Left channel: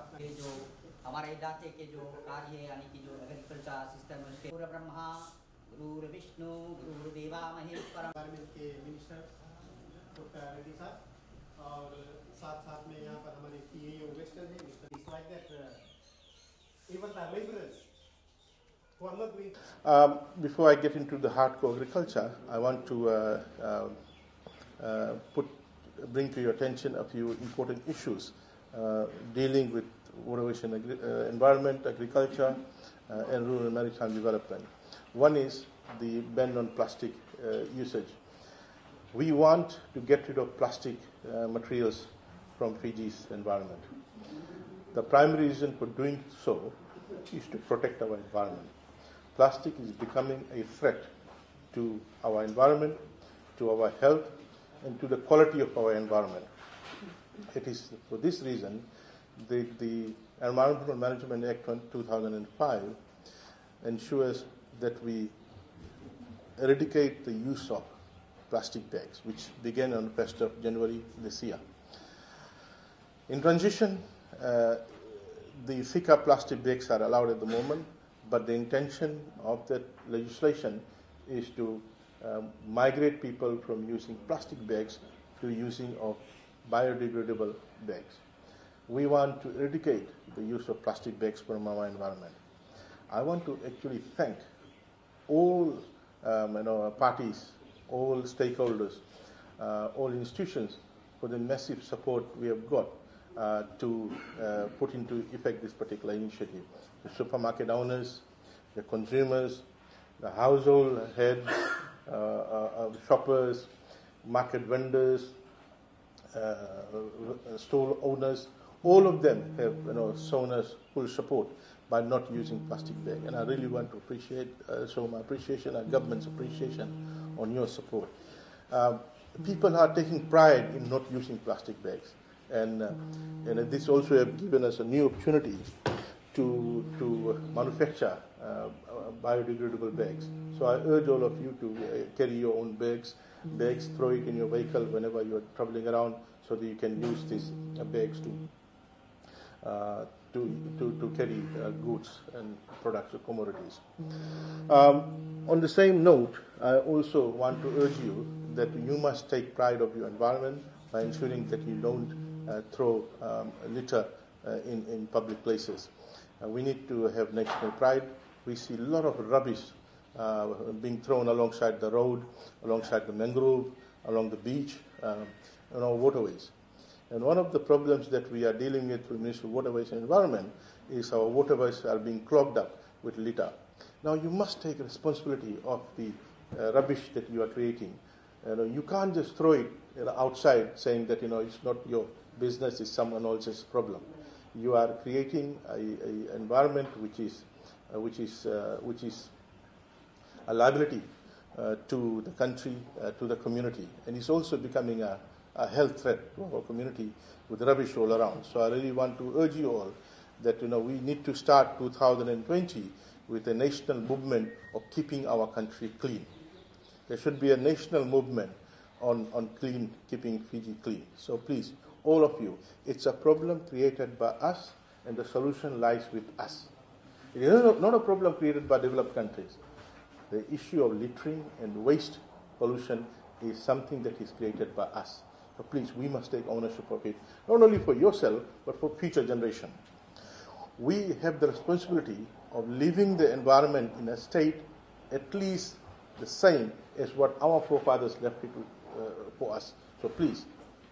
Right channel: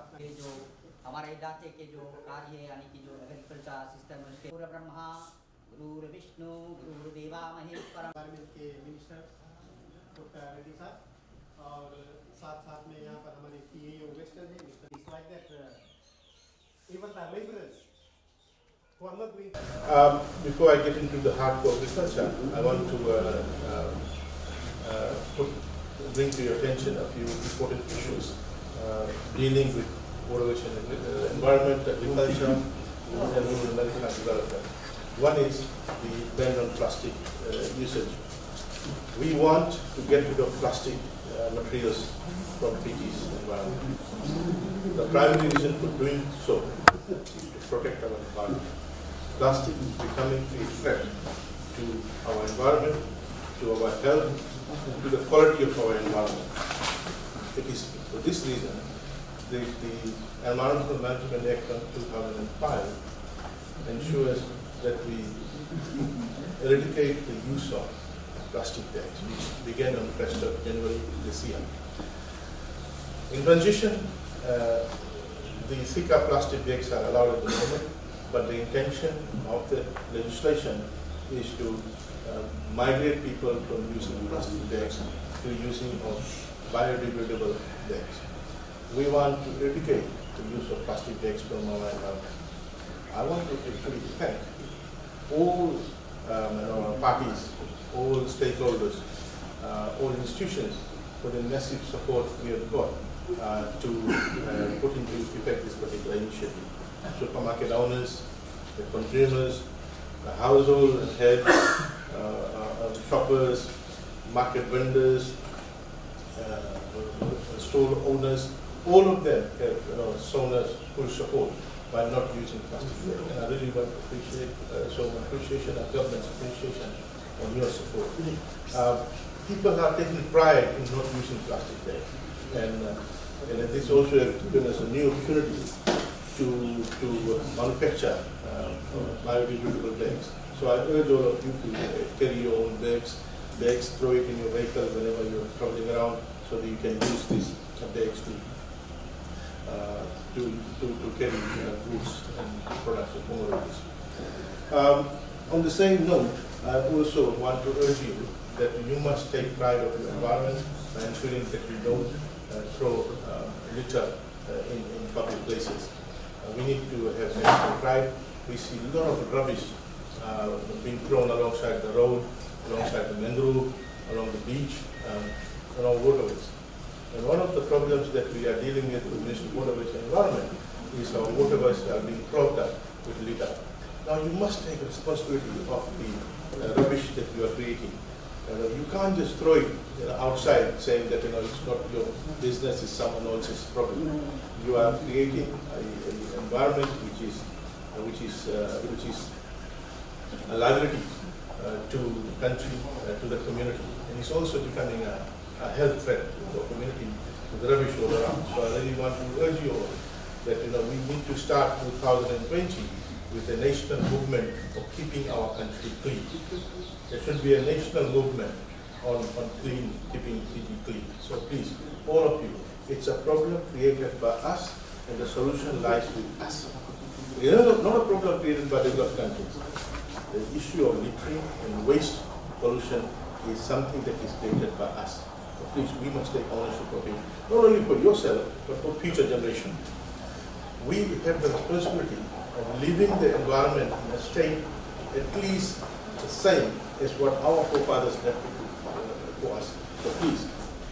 अपना जो हमारे इलाके के जो कार्य है यानी कि जो एग्रीकल्चर सिस्टम है उसके गुरु ब्रह्मा गुरु विष्णु गुरु देवा महेश्वर के मिनिस्टर डॉक्टर रेड्डी साहब और साथ में यहाँ पर हमारे PAO वेस्टर्न है mister like that even the laborers who are not doing before I get into the hardcore agriculture, I want to bring to your attention a few important issues dealing with waterways and environment, agriculture, and rural and maritime development. One is the ban on plastic usage. We want to get rid of plastic materials from Fiji's environment. The primary reason for doing so is to protect our environment. Plastic is becoming a threat to our environment, to our health, and to the quality of our environment. It is for this reason the Environmental Management Act of 2005 ensures that we eradicate the use of plastic bags, which began on the 1st of January this year. In transition, the thicker plastic bags are allowed at the moment, but the intention of the legislation is to migrate people from using plastic bags to using of biodegradable bags. We want to eradicate the use of plastic bags from our environment. I want to actually thank all parties, all stakeholders, all institutions for the massive support we have got to put into effect this particular initiative. Supermarket owners, the consumers, the household and heads, shoppers, market vendors, store owners, all of them have shown us full support by not using plastic bags. And I really want to appreciate, show my appreciation and government's appreciation on your support. People are taking pride in not using plastic bags, and this also has given us a new opportunity to manufacture biodegradable bags. So I urge all of you to carry your own bags, throw it in your vehicle whenever you're traveling around, so that you can use these bags to carry goods and products and commodities. On the same note, I also want to urge you that you must take pride of your environment by ensuring that you don't throw litter in public places. We need to have national pride. We see a lot of rubbish being thrown alongside the road, alongside the mangrove, along the beach, along waterways. And one of the problems that we are dealing with Ministry of Waterways and Environment is our waterways are being clogged up with litter. Now you must take responsibility of the rubbish that you are creating. You can't just throw it outside saying that it's not your business, it's someone else's problem. You are creating an environment which is a liability to the country, to the community, and it's also becoming a health threat for community with rubbish all around. So I really want to urge you all that we need to start 2020 with a national movement of keeping our country clean. There should be a national movement on keeping Fiji clean. So please, all of you, it's a problem created by us, and the solution lies with us. It is not a problem created by developed countries. The issue of littering and waste pollution is something that is created by us. So please, we must take ownership of it, not only for yourself, but for future generations. We have the responsibility of leaving the environment in a state at least the same as what our forefathers left for us. So please,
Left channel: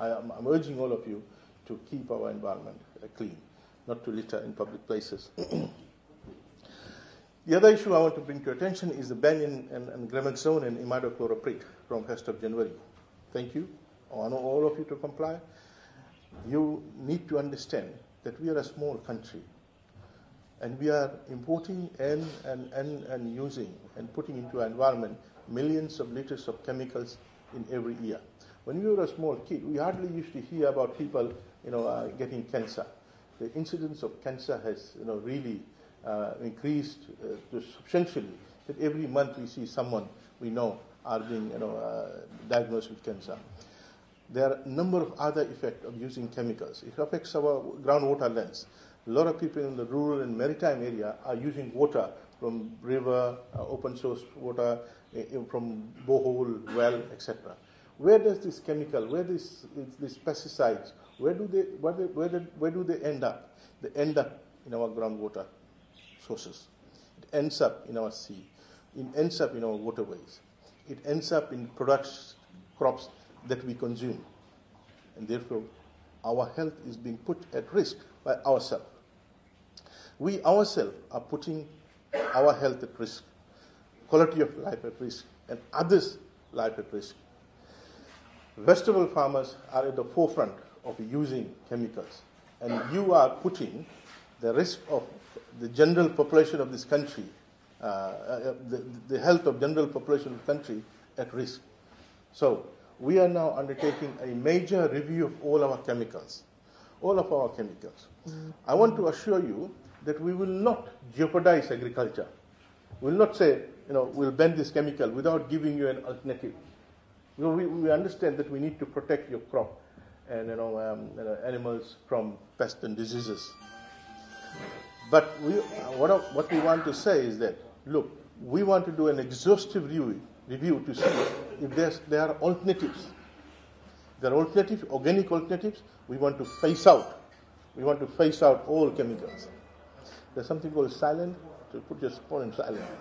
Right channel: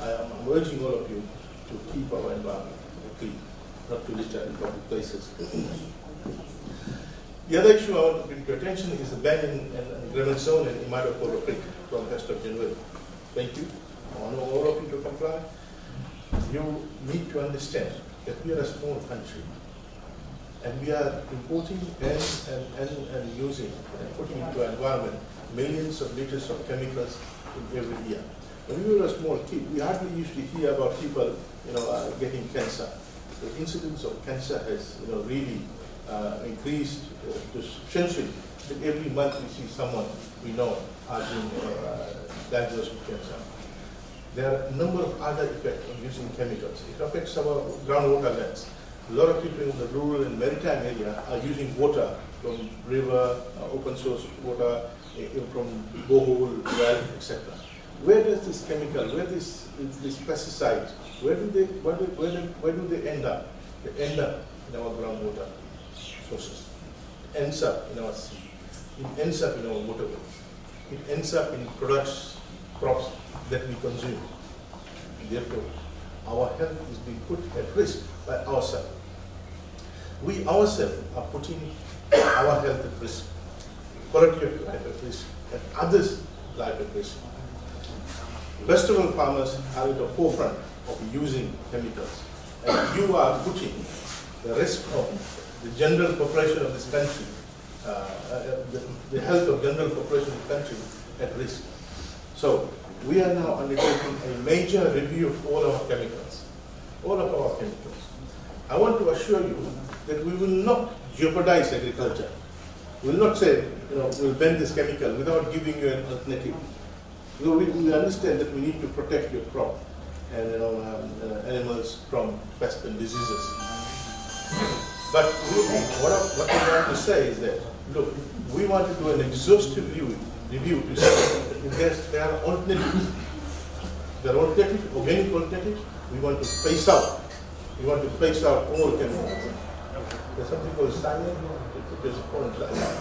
I'm urging all of you to keep our environment clean, not to litter in public places. The other issue I want to bring to your attention is the ban in Gremon Zone and Imaidokoro Creek from 1st of January. Thank you. I want all of you to comply. You need to understand that we are a small country, and we are importing and using and putting into our environment millions of liters of chemicals in every year. When we were a small kid, we hardly used to hear about people, getting cancer. The incidence of cancer has, really increased substantially. That every month we see someone we know are being diagnosed with cancer. There are a number of other effects of using chemicals. It affects our groundwater lands. A lot of people in the rural and maritime area are using water from river, open source water, from borehole, well, etc. Where does this chemical, where this pesticides, where do they end up? They end up in our groundwater sources. It ends up in our sea. It ends up in our waterways. It ends up in crops that we consume. And therefore, our health is being put at risk by ourselves. We ourselves are putting our health at risk, quality of life at risk, and others' life at risk. Vegetable farmers are at the forefront of using chemicals, and you are putting the rest of the general population of this country, the health of general population of the country at risk. So we are now undertaking a major review of all our chemicals, all of our chemicals. I want to assure you that we will not jeopardize agriculture. We will not say, we'll ban this chemical without giving you an alternative. We understand that we need to protect your crop and animals from pests and diseases. But what we want to say is that, look, we want to do an exhaustive review to see if there are alternatives. There are alternatives, organic alternatives. We want to phase out. We want to phase out all chemicals. There's something called silent. Put this on silent.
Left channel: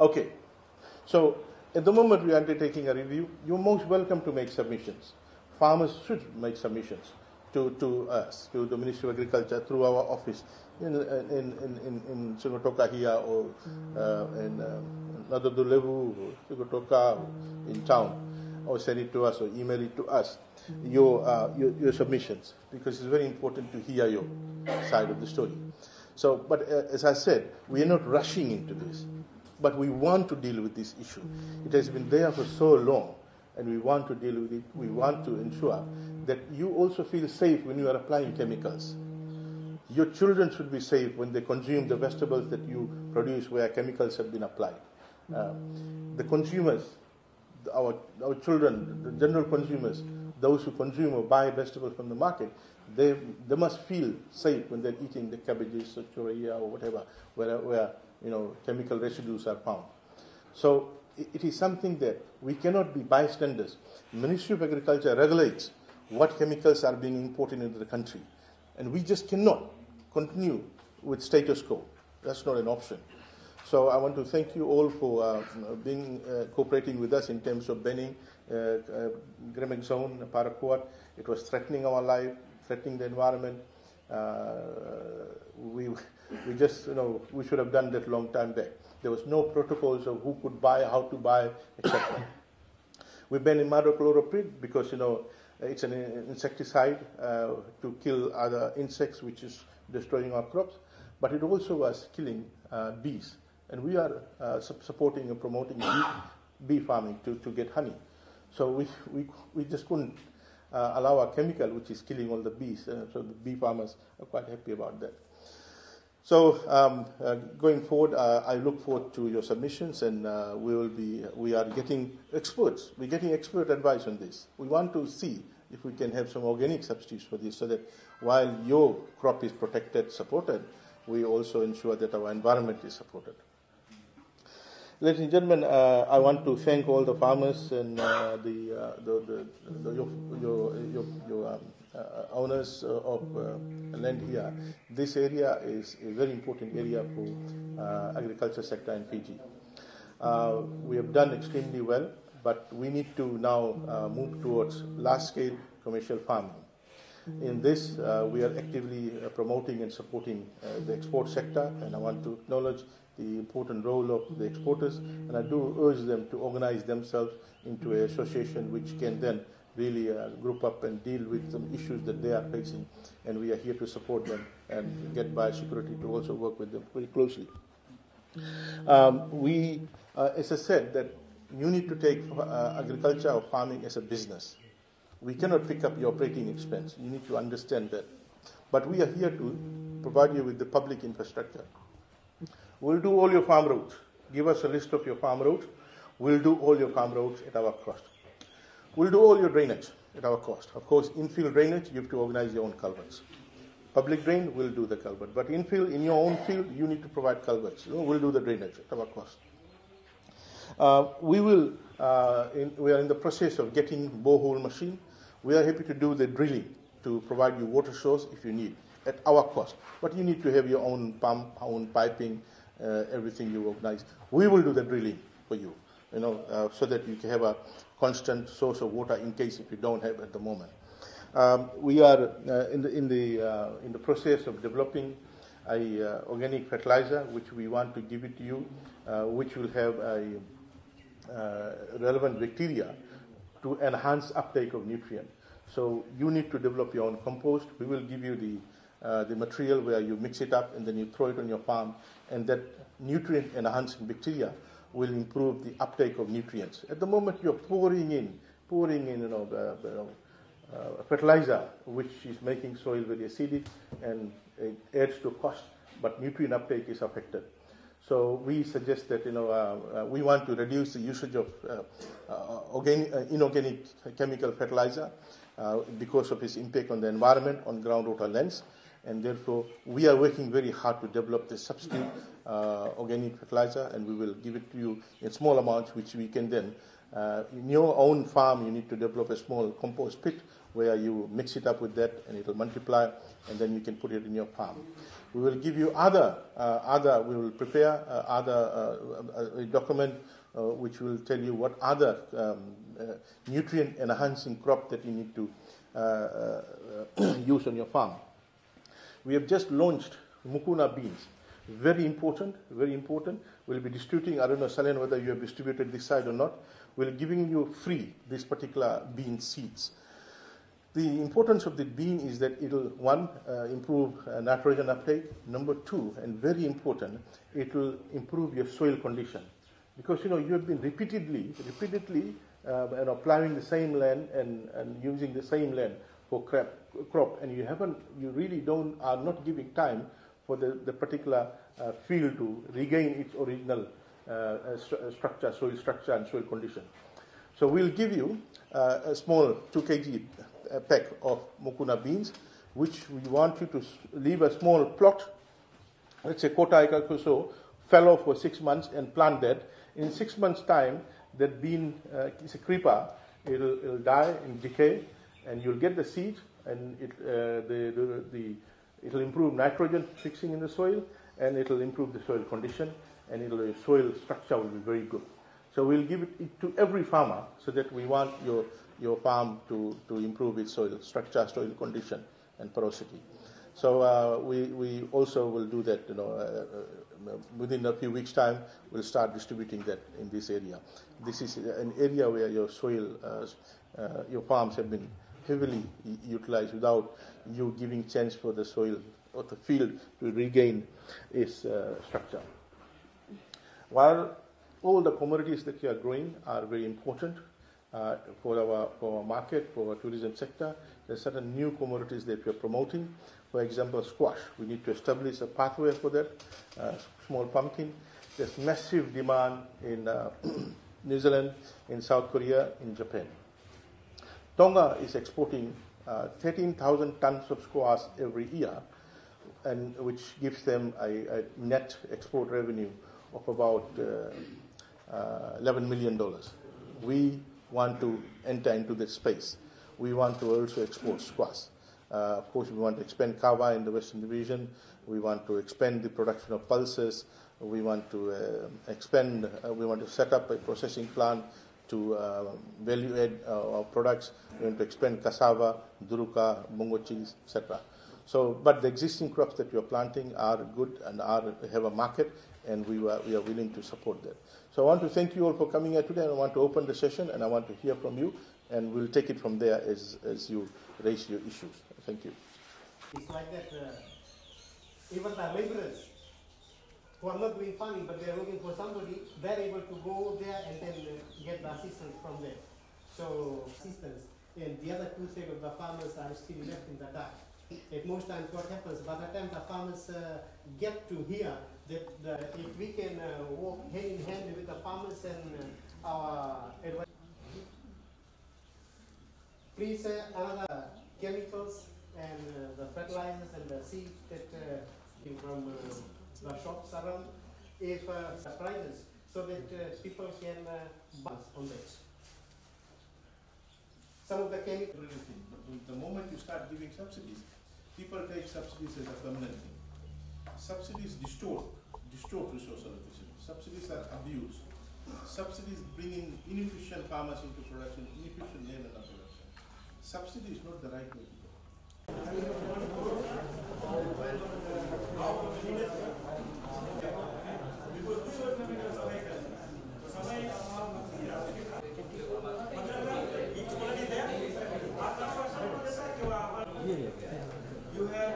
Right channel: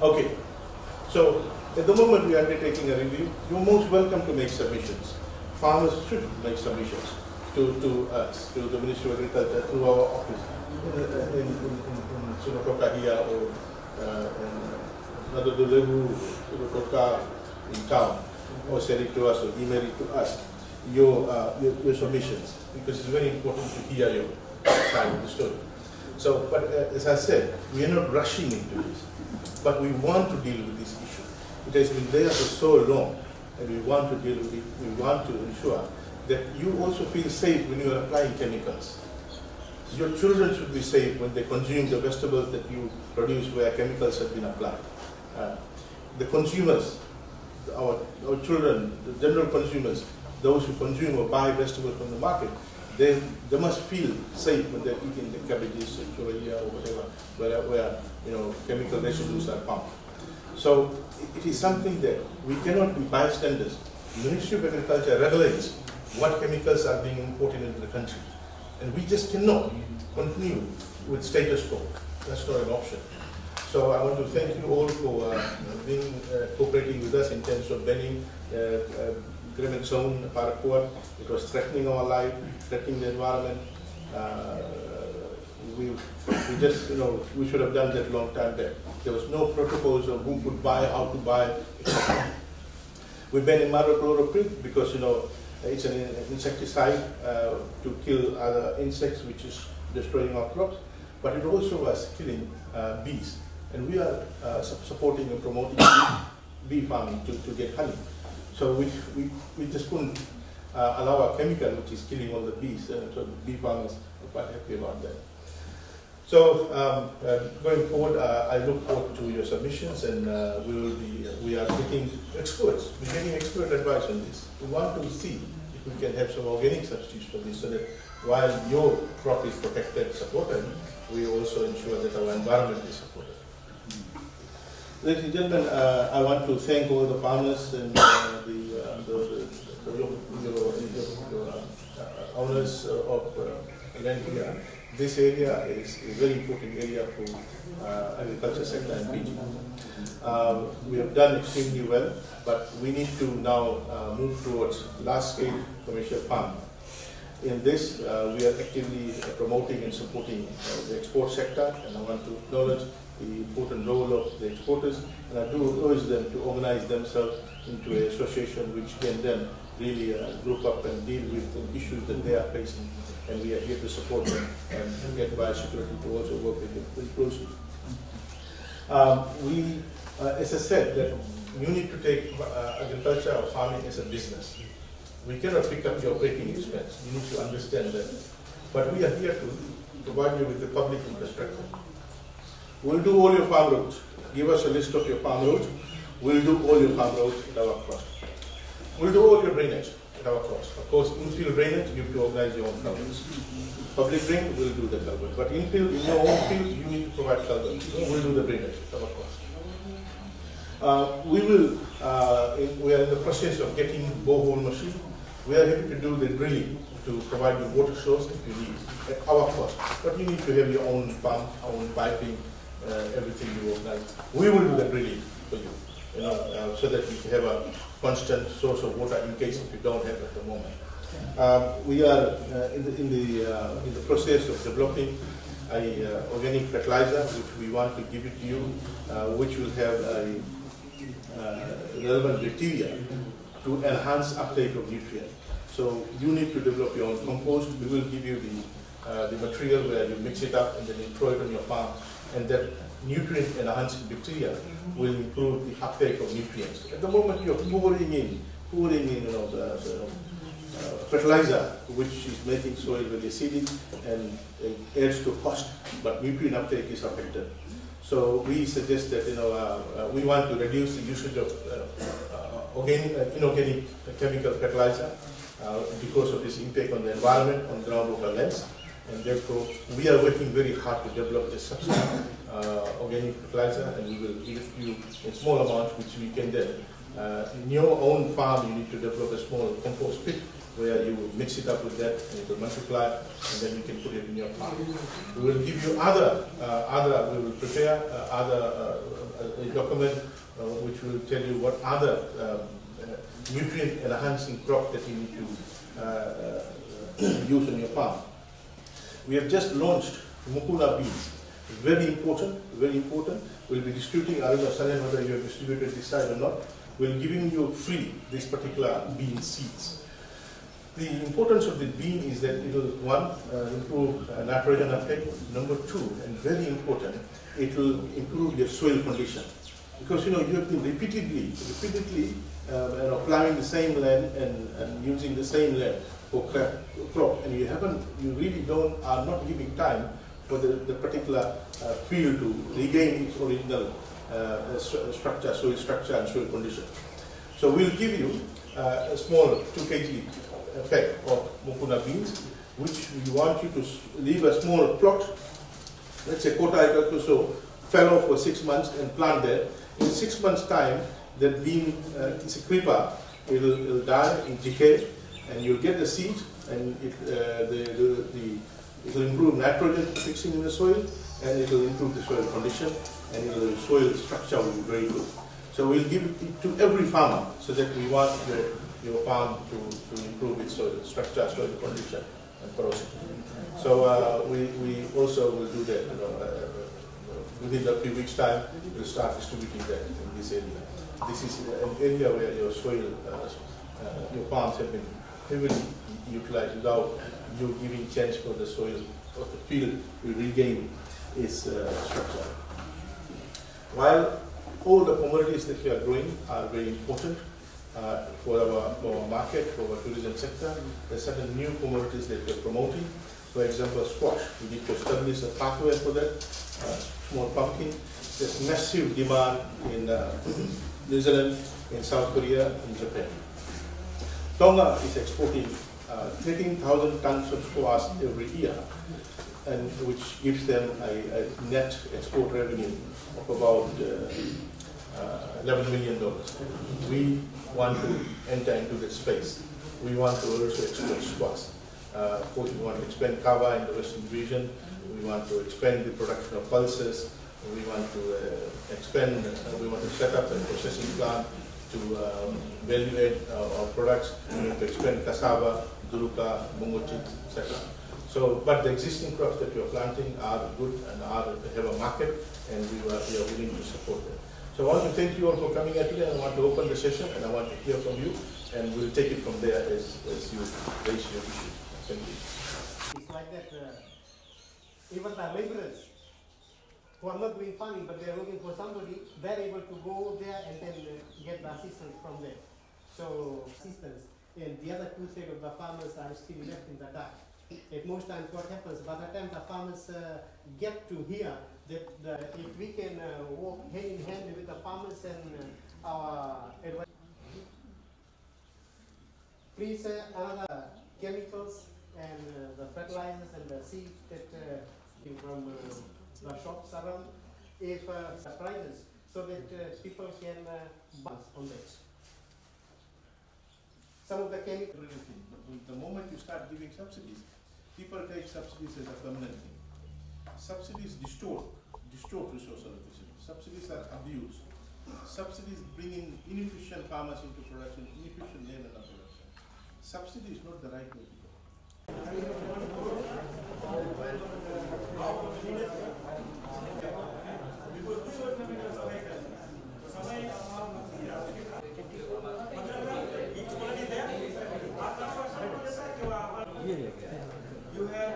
Okay. So at the moment we are undertaking a review. You're most welcome to make submissions. Farmers should make submissions to us, to the Ministry of Agriculture, through our office in Sigatoka here or in Bilalevu, Sigatoka in town, or send it to us or email it to us, your submissions, because it's very important to hear your side of the story. So, but as I said, we are not rushing into this, but we want to deal with this issue. It has been there for so long, and we want to deal with it. We want to ensure that you also feel safe when you are applying chemicals. Your children should be safe when they consume the vegetables that you produce where chemicals have been applied. The consumers, our children, the general consumers, those who consume or buy vegetables from the market, they must feel safe when they're eating the cabbages or choya or whatever, where chemical residues are found. So it is something that we cannot be bystanders. The Ministry of Agriculture regulates what chemicals are being imported into the country, and we just cannot continue with status quo. That's not an option. So I want to thank you all for cooperating with us in terms of banning Grameen Zone paraquat. It was threatening our life, threatening the environment. We just, we should have done that long time back. There was no protocols of who could buy, how to buy, etc. We banned imidacloprid because, it's an insecticide to kill other insects, which is destroying our crops, but it also was killing bees. And we are supporting and promoting bee farming to get honey. So we just couldn't allow a chemical which is killing all the bees. So the bee farmers are quite happy about that. So going forward, I look forward to your submissions, and we are getting experts. We're getting expert advice on this. We want to see if we can have some organic substitutes for this, so that while your crop is protected, supported, we also ensure that our environment is supported. Ladies and gentlemen, I want to thank all the farmers and your owners of land here. This area is a very important area for agriculture sector in Fiji. We have done extremely well, but we need to now move towards large-scale commercial farming. In this, we are actively promoting and supporting the export sector, and I want to acknowledge the important role of the exporters, and I do urge them to organize themselves into an association which can then really group up and deal with some issues that they are facing. And we are here to support them and get biosecurity to also work with them very closely. As I said, that you need to take agriculture or farming as a business. We cannot pick up the operating expense. You need to understand that. But we are here to provide you with the public infrastructure. We'll do all your farm roads. Give us a list of your farm roads. We'll do all your farm roads at our cost. We'll do all your drainage at our cost. Of course, infill drainage, you have to organize your own culverts. Public drain will do the culvert, but infill, in your own field, you need to provide culverts. We'll do the drainage at our cost. We are in the process of getting borehole machine. We are happy to do the drilling to provide you water source if you need at our cost. But you need to have your own pump, own piping, everything you organize. We will do the drilling for you, so that we have a constant source of water in case if you don't have it at the moment. We are in the process of developing a organic fertilizer which we want to give it to you, which will have a relevant bacteria to enhance uptake of nutrients. So you need to develop your own compost. We will give you the material where you mix it up and then you throw it on your farm, and that nutrient enhancing bacteria will improve the uptake of nutrients. At the moment you're pouring in the fertilizer, which is making soil very acidic and it adds to cost, but nutrient uptake is affected. So we suggest that we want to reduce the usage of inorganic chemical fertilizer because of this impact on the environment, on groundwater lens, and therefore we are working very hard to develop this substitute organic fertilizer, and we will give it to you in small amounts, which we can then in your own farm you need to develop a small compost pit where you mix it up with that and it will multiply, and then you can put it in your farm. We will give you we will prepare a document which will tell you what other nutrient enhancing crop that you need to use on your farm. We have just launched mukuna beans. It's very important, very important. We'll be distributing, I don't know whether you have distributed this side or not. We're giving you free this particular bean seeds. The importance of the bean is that it will, one, improve nitrogen uptake. Number two, and very important, it will improve your soil condition. Because you have been repeatedly plowing the same land and using the same land for crop, and you really are not giving time for the particular field to regain its original structure, soil structure and soil condition. So we'll give you a small 2 kg pack of mukuna beans, which we want you to leave a small plot, let's say quarter acre or so, fallow for 6 months and plant that. In 6 months' time, that bean is a creeper. It'll die, in decay, and you'll get the seed, and it will improve nitrogen fixing in the soil, and it will improve the soil condition, and the soil structure will be very good. So we'll give it to every farmer, so that we want your farm to improve its soil structure, soil condition, and porosity. So we also will do that. Within a few weeks' time, we'll start distributing that in this area. This is an area where your soil, your farms have been heavily utilized without you giving chance for the soil or the field to regain its structure. While all the commodities that we are growing are very important for our market, for our tourism sector, there are certain new commodities that we are promoting. For example, squash. We need to establish a pathway for that. Small pumpkin. There's massive demand in New Zealand, in South Korea, in Japan. Tonga is exporting 13,000 tons of squash every year, and which gives them a net export revenue of about $11 million. We want to enter into this space. We want to also export squash. Of course, we want to expand kava in the Western region. We want to expand the production of pulses. We want to expand, we want to set up a processing plant to value add our products. We want to expand cassava, duruka, mungo chips, etc. So, but the existing crops that we are planting are good and have a market, and we are willing to support them. So I want to thank you all for coming here today, and I want to open the session, and I want to hear from you, and we'll take it from there as you raise your issue. Thank you. It's like that, even the laborers who are not doing farming, but they are looking for somebody, they're able to go there and then get the assistance from them. So, assistance. And the other 2/3 of the farmers are still left in the dark. At most times what happens, by the time the farmers get to hear that if we can walk hand in hand with the farmers and our advice. freeze another chemicals and the fertilizers and the seeds that came from the shops around, if prices, so that people can buy on that. Some of the chemicals. But the moment you start giving subsidies, people take subsidies as a permanent thing. Subsidies distort resource allocation. Subsidies are abused. Subsidies bring in inefficient farmers into production, inefficient land under production. Subsidy is not the right way to go. You have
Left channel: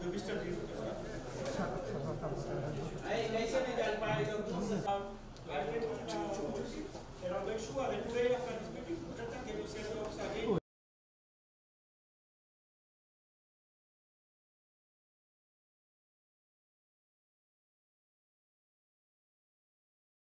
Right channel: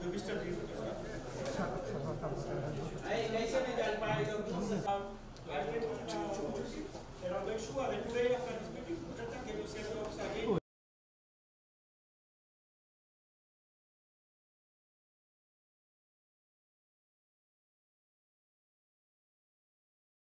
the wisdom. Make sure that today